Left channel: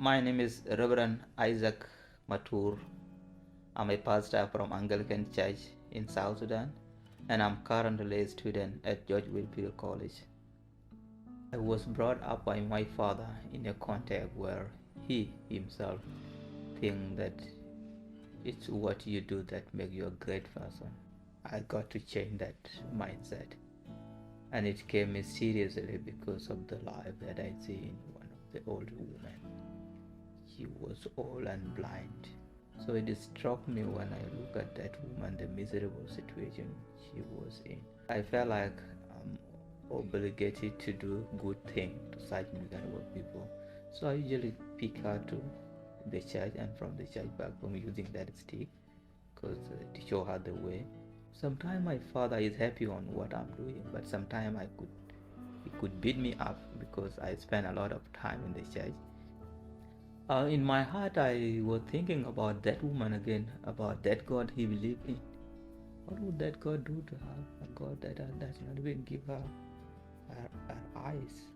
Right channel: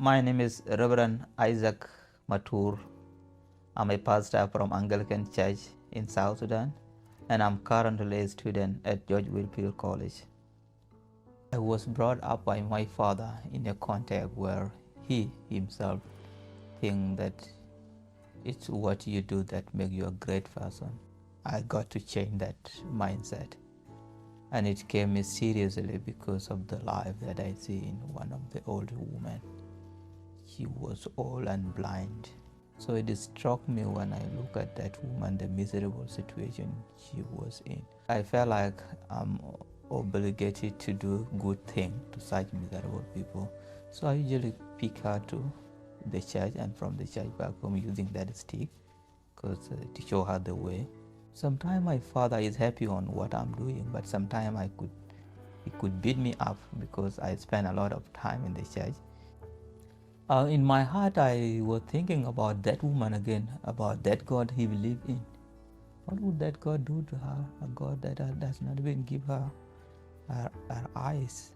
My name is Reverend Isaac Matur. I'm a pastor from Anglican Church in South Sudan, and I'm currently a student at GWC College. I was brought up by my father in a context where he himself thinks that it's what you do that makes you a great person. I got to change that mindset, and it came seriously because of the life that I see in one of the older women. She was old and blind. So it struck me when I look at that woman, the miserable situation she was in. I felt like I'm obligated to do good thing to such miserable people. So I usually pick her to the church and from the church back home using that stick because to show her the way. Sometimes my father is happy on what I'm doing, but sometimes he could beat me up because I spend a lot of time in the church. In my heart, I was thinking about that woman again, about that God he believed in. What would that God do to her? A God that does not even give her her eyes,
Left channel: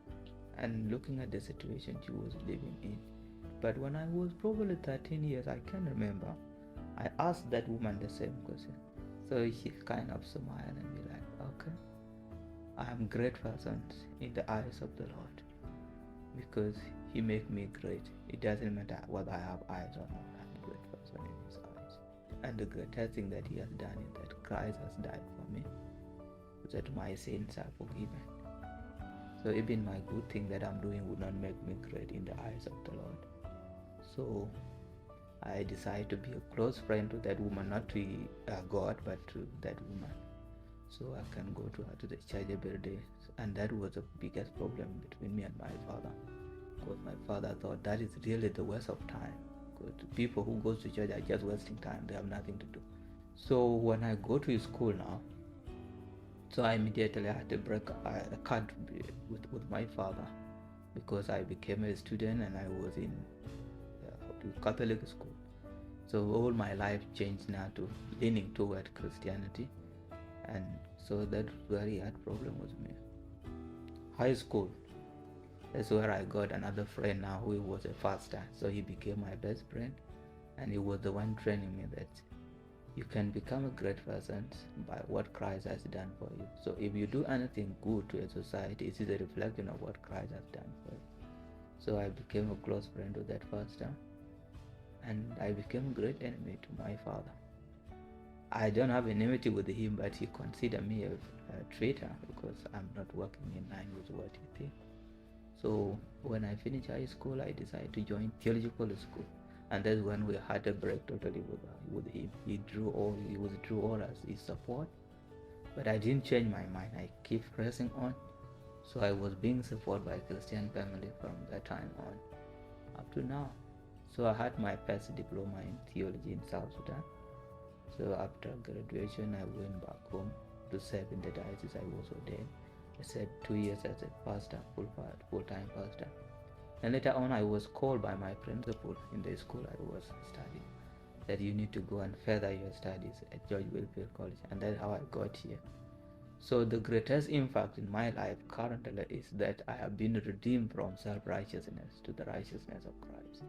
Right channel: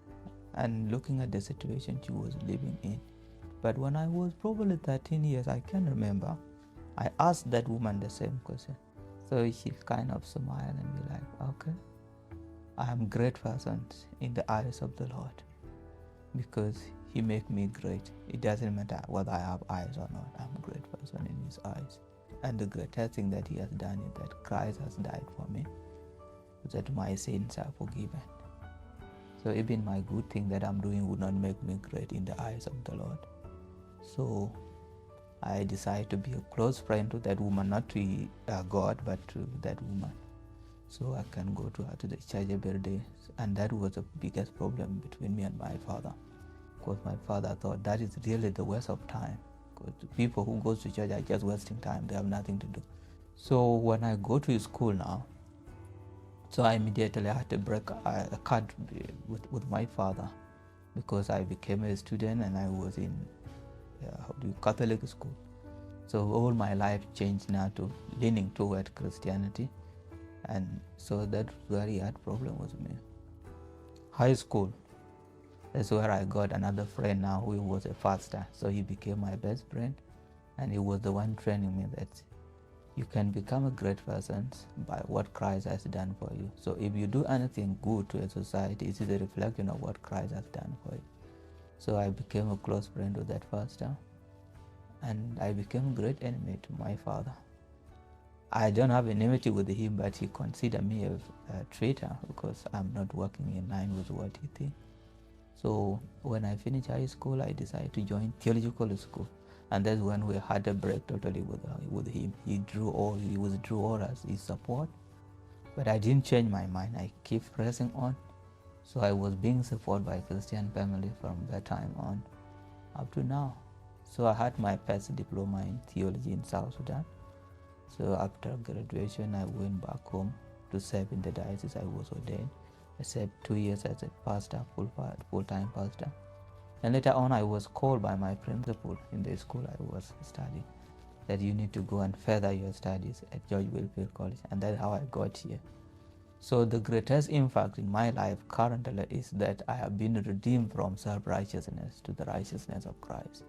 and looking at the situation she was living in. But when I was probably 13 years, I can remember, I asked that woman the same question. So she kind of smiled and be like, okay, I am a great person in the eyes of the Lord because he make me great. It doesn't matter whether I have eyes or not. I'm a great person in his eyes. And the greatest thing that he has done is that Christ has died for me, so that my sins are forgiven. So even my good thing that I'm doing would not make me great in the eyes of the Lord. So I decided to be a close friend to that woman, not to God, but to that woman. So I can go to her to the church every day. And that was the biggest problem between me and my father. Because my father thought that is really the waste of time. Because people who go to church are just wasting time. They have nothing to do. So when I go to school now, so I immediately had to break a cut with my father because I became a student and I was in Catholic school. So all my life changed now to leaning toward Christianity. And so that very hard problem with me. High school, that's where I got another friend now who was a pastor. So he became my best friend, and he was the one training me that you can become a great person by what Christ has done for you. So if you do anything good to a society, it is a reflection of what Christ has done for you. So I became a close friend with that pastor, and I became a great enemy to my father. I don't have enmity with him, but he considered me a traitor because I'm not working in line with what he thinks. So when I finished high school, I decided to join theological school, and that's when we had a break totally with him. He withdrew all his support, but I didn't change my mind. I keep pressing on. So I was being supported by Christian family from that time on up to now. So I had my first diploma in theology in South Sudan. So after graduation, I went back home to serve in the diocese. I was ordained. I served 2 years as a pastor, full-time pastor. And later on, I was called by my principal in the school I was studying that you need to go and further your studies at George Wilfield College. And that's how I got here. So the greatest impact in my life currently is that I have been redeemed from self-righteousness to the righteousness of Christ.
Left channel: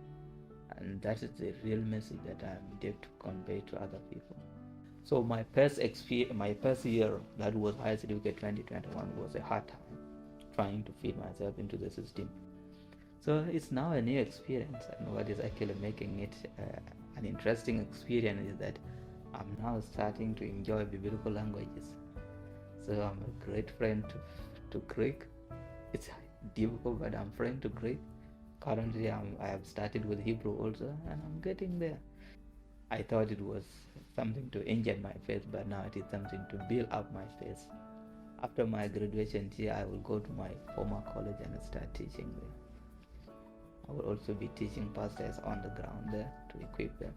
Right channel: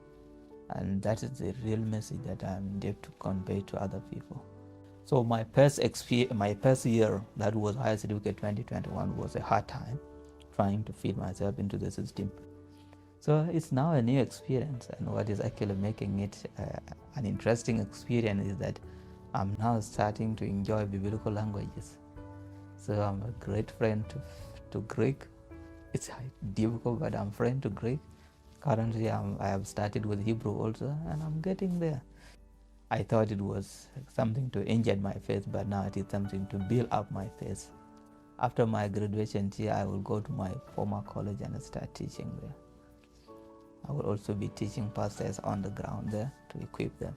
And that is the real message that I'm there to convey to other people. So my first year, that was higher certificate 2021, was a hard time trying to fit myself into the system. So it's now a new experience, and what is actually making it an interesting experience is that I'm now starting to enjoy biblical languages. So I'm a great friend to Greek. It's difficult, but I'm friend to Greek. Currently, I have started with Hebrew also, and I'm getting there. I thought it was something to injure my faith, but now it is something to build up my faith. After my graduation here, I will go to my former college and start teaching there. I will also be teaching pastors on the ground there to equip them.